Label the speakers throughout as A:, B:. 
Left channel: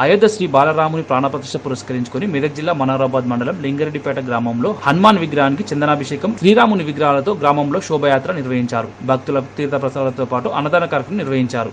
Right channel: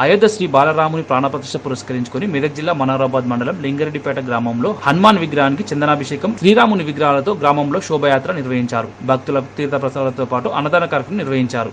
A: అయోధ్య శ్రీ బాలరాముని ప్రాణప్రతిష్ఠ పురస్కరించుకొని మెదక్ జిల్లా మనోరాబాద్ మండలం లింగరెడ్డిపేట గ్రామంలో హనుమాన్ విగ్రహానికి చందనాభిషేకం శ్రీరాముని విగ్రహాలతో గ్రామంలో శోభయాత్ర నిర్వహించారు భక్తుల తీర్థ ప్రసాదాలతో పాటు అన్నదాన కార్యక్రమం నిర్వహించారు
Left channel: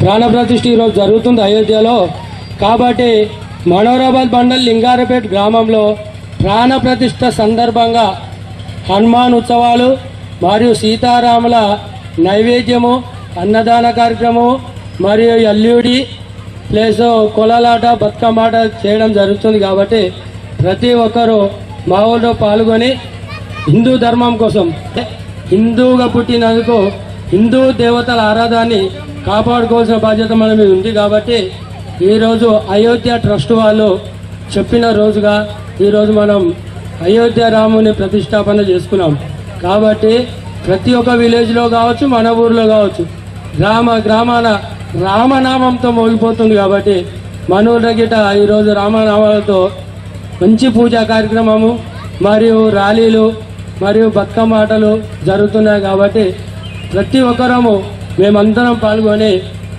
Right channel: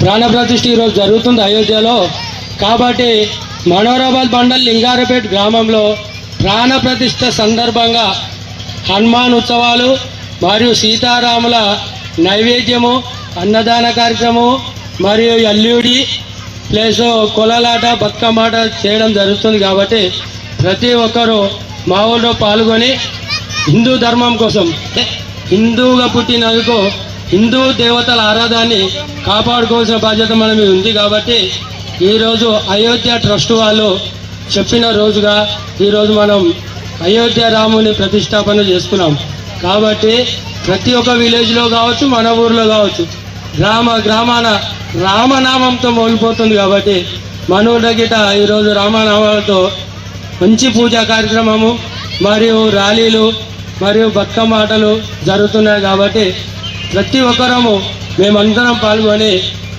B: ప్రాణప్రతిష్ఠ ఈరోజు జరుగుతుంది అయోధ్యలో. కాబట్టి మనోరాబాద్ మండల్ లింగారపేట్ గ్రామంలో ప్రాణప్రతిష్ఠ సందర్భంగా హనుమాన్ ఉత్సవాలు మరియు సీతారాముల నైవేద్యము అన్నదాన కార్యక్రమం మరియు ఎల్యూడి ప్లస్ కులలాట బతుకమ్మాట చేయడం జరుగుతుంది కాబట్టి ప్రతి ఒక్కరూ మా ఊళ్ళో పాల్గొని హిందూ ధర్మం కోసం హిందువుగా పుట్టినందుకు హిందూ దేవతల ఆరాధాన్ని కాపాడుకోవాల్సిన బాధ్యత మన మీద ఉంది కాబట్టి ఈరోజు అయోధ్య ట్రస్ట్ వాళ్ళు చెప్పిన రోజుగా ఈరోజు మనం అయోధ్య రాముని ప్రతిష్టాపన చేసుకున్నాం కాబట్టి ప్రతి ఒక్క విలేజ్లో కావచ్చు మన ఊర్లో కావచ్చు గ్రామ గ్రామాన రామనామంతో మోగిపోతుంది కాబట్టి మన గిట ఈరోజు రామనామాలతో మంచి పూజా కార్యక్రమము మరియు ర్యాలీలు మరియు బతుకమ్మ ఆటలు జరుగుతున్నాయి కాబట్టి ప్రతి ఒక్కరము మేమందరం పాల్గొని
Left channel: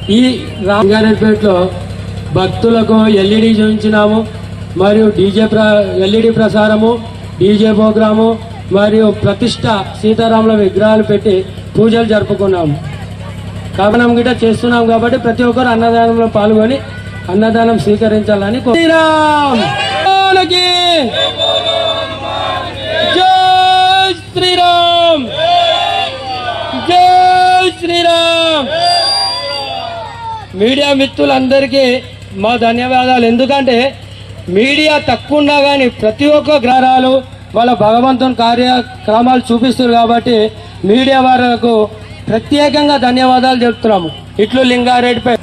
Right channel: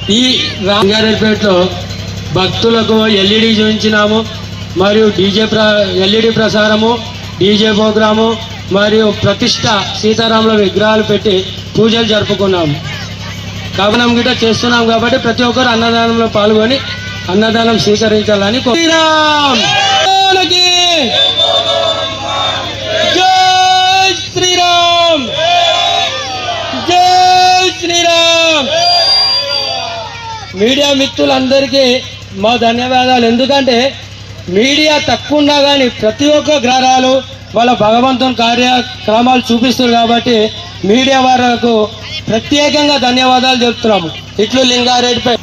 B: ఈ రంగారెడ్డిపేటలో భక్తులకు ఎల్ఈడి చూపించినాము మరియు డీజే ప్ర ఎల్ఈడి ప్రసారము డీజే ప్రోగ్రాము మరియు ప్రతిష్ట సీతారాముల విగ్రహాలు పెట్టి పూజలు జరుపుకున్నాము. కవనం గిట్ట చేస్తున్నాం కాబట్టి ప్రతి ఒక్కరు అన్నదానంలో పాల్గొని అన్నదానం స్వీకరించాలని కో- శ్రీరామ్ మీడియా మిత్రులందరికీ మా ధన్యవాదాలు. ఎందుకంటే మీడియా తక్కువ ఉన్నా కానీ ప్రతి ఒక్క గ్రహాలు వాళ్ళ భగవంతుని కార్యక్రమాలు చూపిస్తారు కాబట్టి మీడియా వారికి ప్రత్యేకంగా ధన్యవాదాలు చెప్తున్నాము. ఇట్లు లింగారెడ్డిపై